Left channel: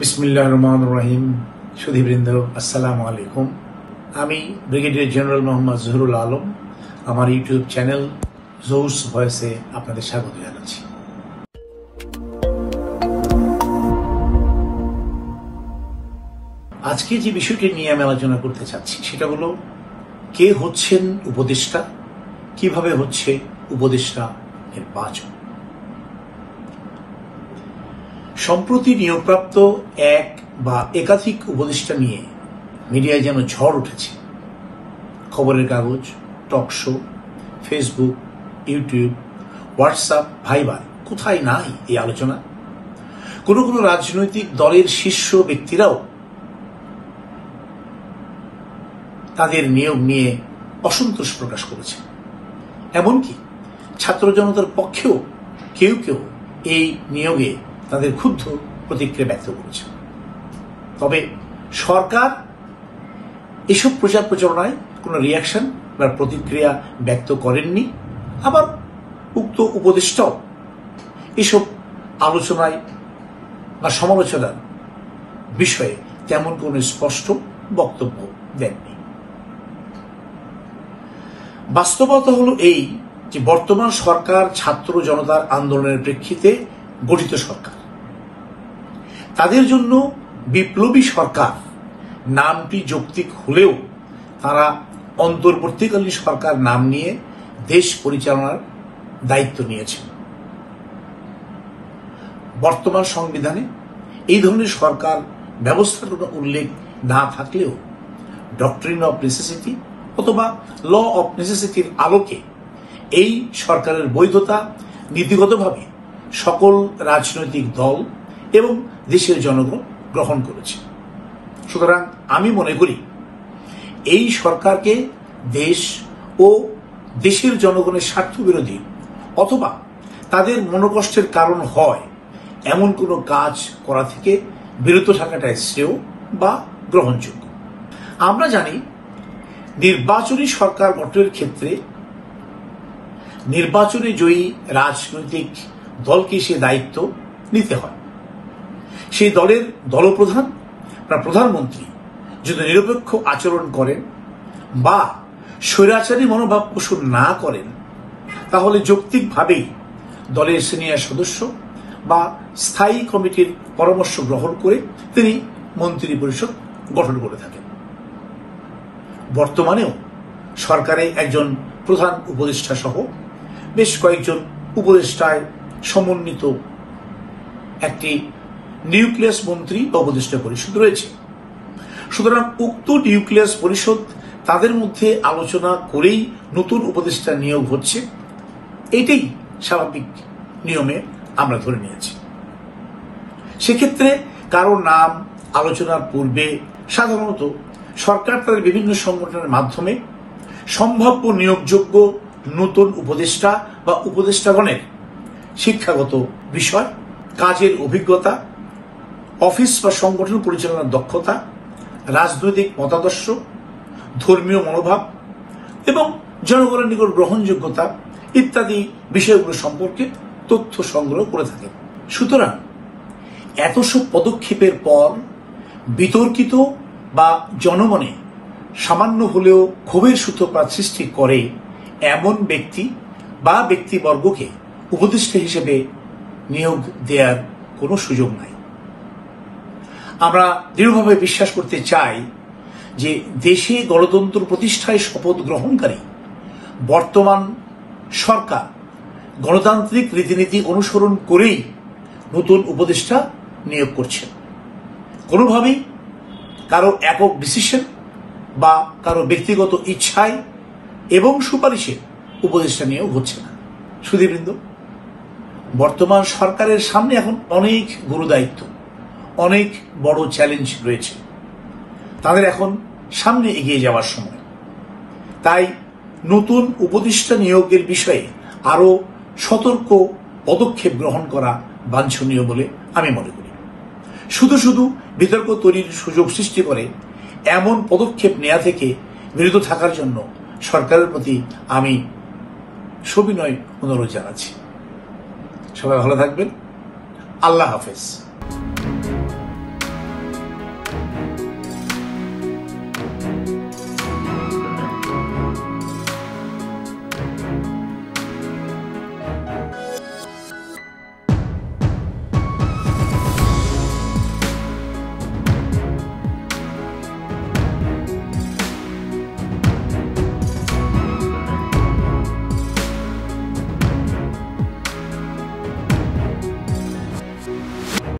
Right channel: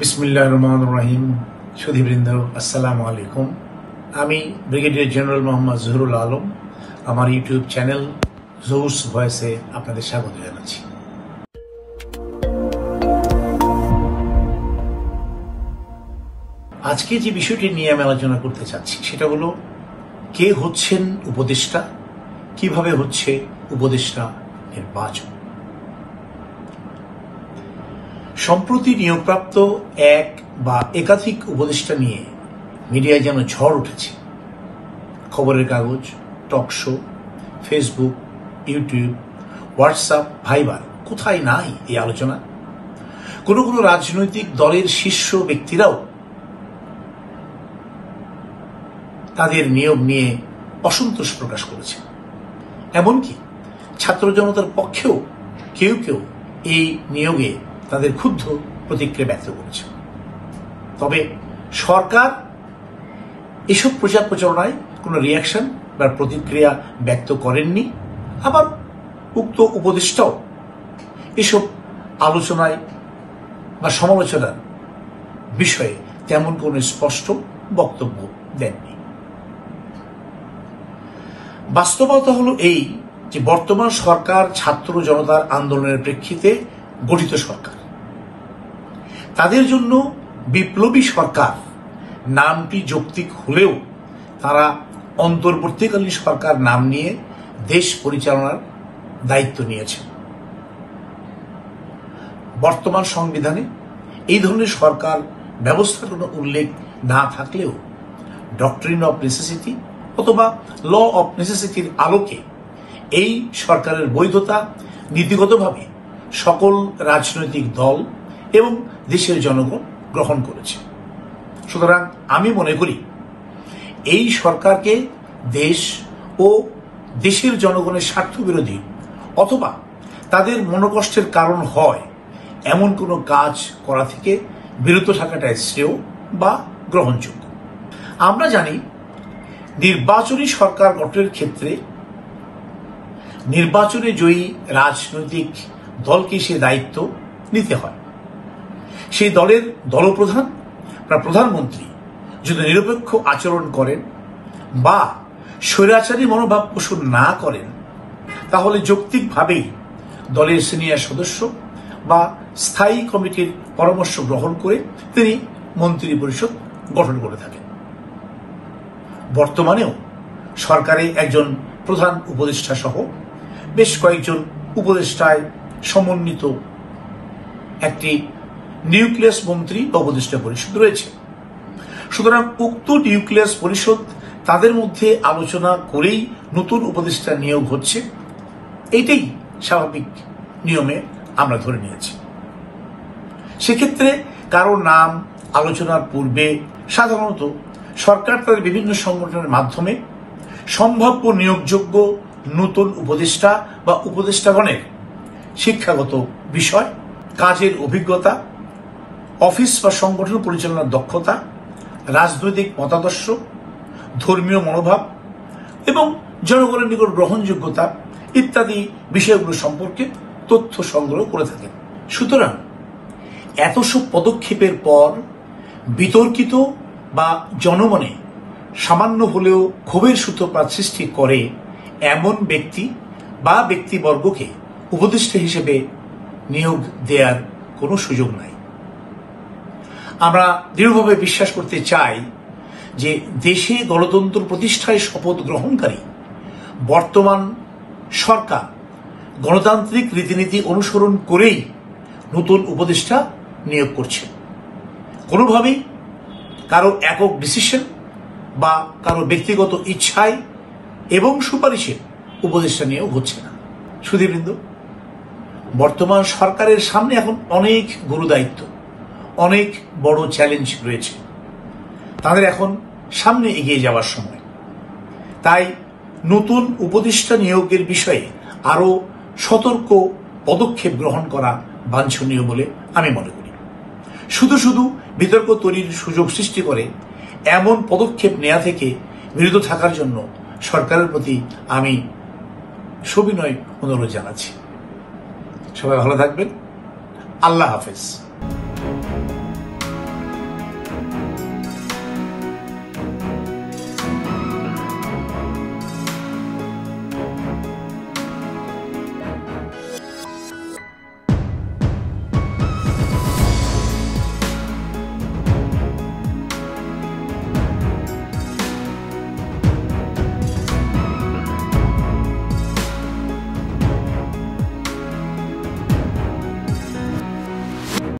বিসমিল্লাহির রহমানির রহিম। সুধীবৃন্দ, আসসালামু আলাইকুম। আমি ব্রিগেডিয়ার জেনারেল মোহাম্মদ জহুরুল আলম। আমার ইউটিউব চ্যানেল জহুরস ভয়েসে আপনাদের স্বাগত জানাচ্ছি। আজকে যে বিষয়টি নিয়ে আমি আলোচনা করতে চাচ্ছি সেটা হলো, কে হচ্ছেন উপদেষ্টা, কিভাবে হচ্ছে উপদেষ্টা নির্বাচন। সম্প্রতি নিয়োগপ্রাপ্ত এক বা একাধিক উপদেষ্টা নিয়ে মিডিয়ায় যেন ঝড় উঠেছে। খবরের কাগজ, talk show, Facebook, YouTube, WhatsApp, Viber, কোথায় নাই এই আলোচনা। কোন কোন রাজনৈতিক দলের শীর্ষ ব্যক্তিরাও তাদের নিয়োগ নিয়ে অসন্তোষ প্রকাশ করেছে। এমনকি ছাত্র জনতার পক্ষেও কেউ কেউ এই নিয়োগে তাদের ক্ষুব্ধ প্রতিক্রিয়া ব্যক্ত করেছে। তবে সরকার এসব প্রচার প্রচারণায় কোন রিয়াকশন বা প্রতিক্রিয়া ব্যক্ত করেননি। আবার উক্ত উপদেষ্টাও এসব আলোচনায় বা সমালোচনার বিষয়ে তেমন কোন স্পষ্ট বক্তব্য দেননি। বাস্তবতা হল এই যে বর্তমান সরকার ছাত্র জনতার আন্দোলনের প্রেক্ষিতে গঠিত সরকার। তাদের জন্য বিপ্লবী সরকার নামটি যৌক্তিক হলেও তারা অন্তর্বর্তীকালীন সরকার নাম নিয়ে দেশ পরিচালনার দায়িত্ব নিয়েছেন। বর্তমান সংবিধানে এই ধরনের সরকার ব্যবস্থার কোন উল্লেখ না থাকলেও ডক্ট্রিন অব নেসেসিটি অথবা ল অব নেসেসিটির আলোকে এই সরকারের বৈধতা নীতিগতভাবে সকল রাজনৈতিক দল এবং দেশের জনগণ গ্রহণ করেছে। সুতরাং আমি মনে করি এই সরকারকে দেশ ও দেশের জনগণের স্বার্থ বিরোধী অথবা তাদের মনোকষ্টের কারণ হয় এমন কোন কাজ করা থেকে বিরত থাকাটাই শ্রেয় বা গ্রহণযোগ্য। আমরা জানি নির্বাচনী সরকার গঠনের ক্ষেত্রে নির্বাচনে জয়ী রাজনৈতিক দলকে সে দায়িত্ব নিতে হয়। সেই দলের দলপ্রধান বা প্রধানমন্ত্রী যদি নিরপেক্ষ আচরণ করেন বা স্বৈরাচারী মনোভাব পোষণ না করেন, তাহলে যৌক্তিকভাবেই দলের সিনিয়র সদস্য বা স্থায়ী কমিটির পরামর্শ গ্রহণ করে তিনি মন্ত্রী পরিষদ গঠন করে থাকেন। বর্তমানেও সরকারে একজন প্রধান উপদেষ্টা সহ বেশ কয়েকজন উপদেষ্টায় সমন্বিত একটি নিউক্লিয়াস মন্ত্রী বা উপদেষ্টা পরিষদ রয়েছে। সুতরাং উক্ত নিউক্লিয়াস পরিষদ তাদের মধ্যে আলোচনা করেই নতুন উপদেষ্টা নিয়োগ হচ্ছে, এটাই স্বাভাবিক নিয়মে আমরা ধরে নিয়েছি। সেক্ষেত্রে কারো নাম আলোচনার পূর্বে সাধারণত সরকার তাদের বিভিন্ন সংগঠনের মাধ্যমে সম্ভাব্য নিয়োগযোগ্য নতুন উপদেষ্টা বা উপদেষ্টাগণের শিক্ষাগত বিষয়, কাজের অভিজ্ঞতা, অফিস বা সংগঠন পরিচালনার দক্ষতা, রাজনৈতিক মতাদর্শ, ধর্মীয় মনোভাব এবং জনগণের নিকট গ্রহণযোগ্যতা ইত্যাদি বিষয়গুলো সম্পর্কে তথ্য সংগ্রহ করে থাকেন। সুতরাং এত সব পদক্ষেপের পর বিতর্কিত বা জনমনে সামান্য হলেও ক্ষোভের সূত্রপাত সৃষ্টি করে এমন ব্যক্তি বা ব্যক্তিবর্গকে উপদেষ্টা হিসেবে নিয়োগ দেওয়ার কোনো সুযোগ নাই। আমরা দৃঢ়ভাবে বিশ্বাস করতে চাই যে দেশে গণতন্ত্র প্রতিষ্ঠায় শপথ গ্রহণকারী বর্তমান সরকার গণতান্ত্রিক রীতিনীতি অনুসরণ করেই নতুন উপদেষ্টা নিয়োগ করছে। কোনোভাবেই কারো একক ডিসিশন বা কারো ব্যক্তিগত ইচ্ছায় এবং সুপারিশে উপদেষ্টা নিয়োগ হচ্ছে না। সুধীবৃন্দ, বর্তমান সরকারের সামনে এখন অনেক গুরুদায়িত্ব, অনেক বড় চ্যালেঞ্জ রয়েছে। তাদের এখন সামনে এগিয়ে যাওয়ার সময়। তাই নতুন উপদেষ্টা নিয়োগের বিষয়ে আরো সতর্ক পদক্ষেপ গ্রহণ করা বাঞ্ছনীয় বলে আমি মনে করি। শুধু শুধু বিতর্ক তৈরির সুযোগ সৃষ্টি করে এমন পদক্ষেপ নেওয়া থেকে বিরত থাকার জন্য সরকারের প্রতি আমি সবিনয় অনুরোধ জানাচ্ছি। সবাই ভালো থাকবেন। আল্লাহ হাফেজ।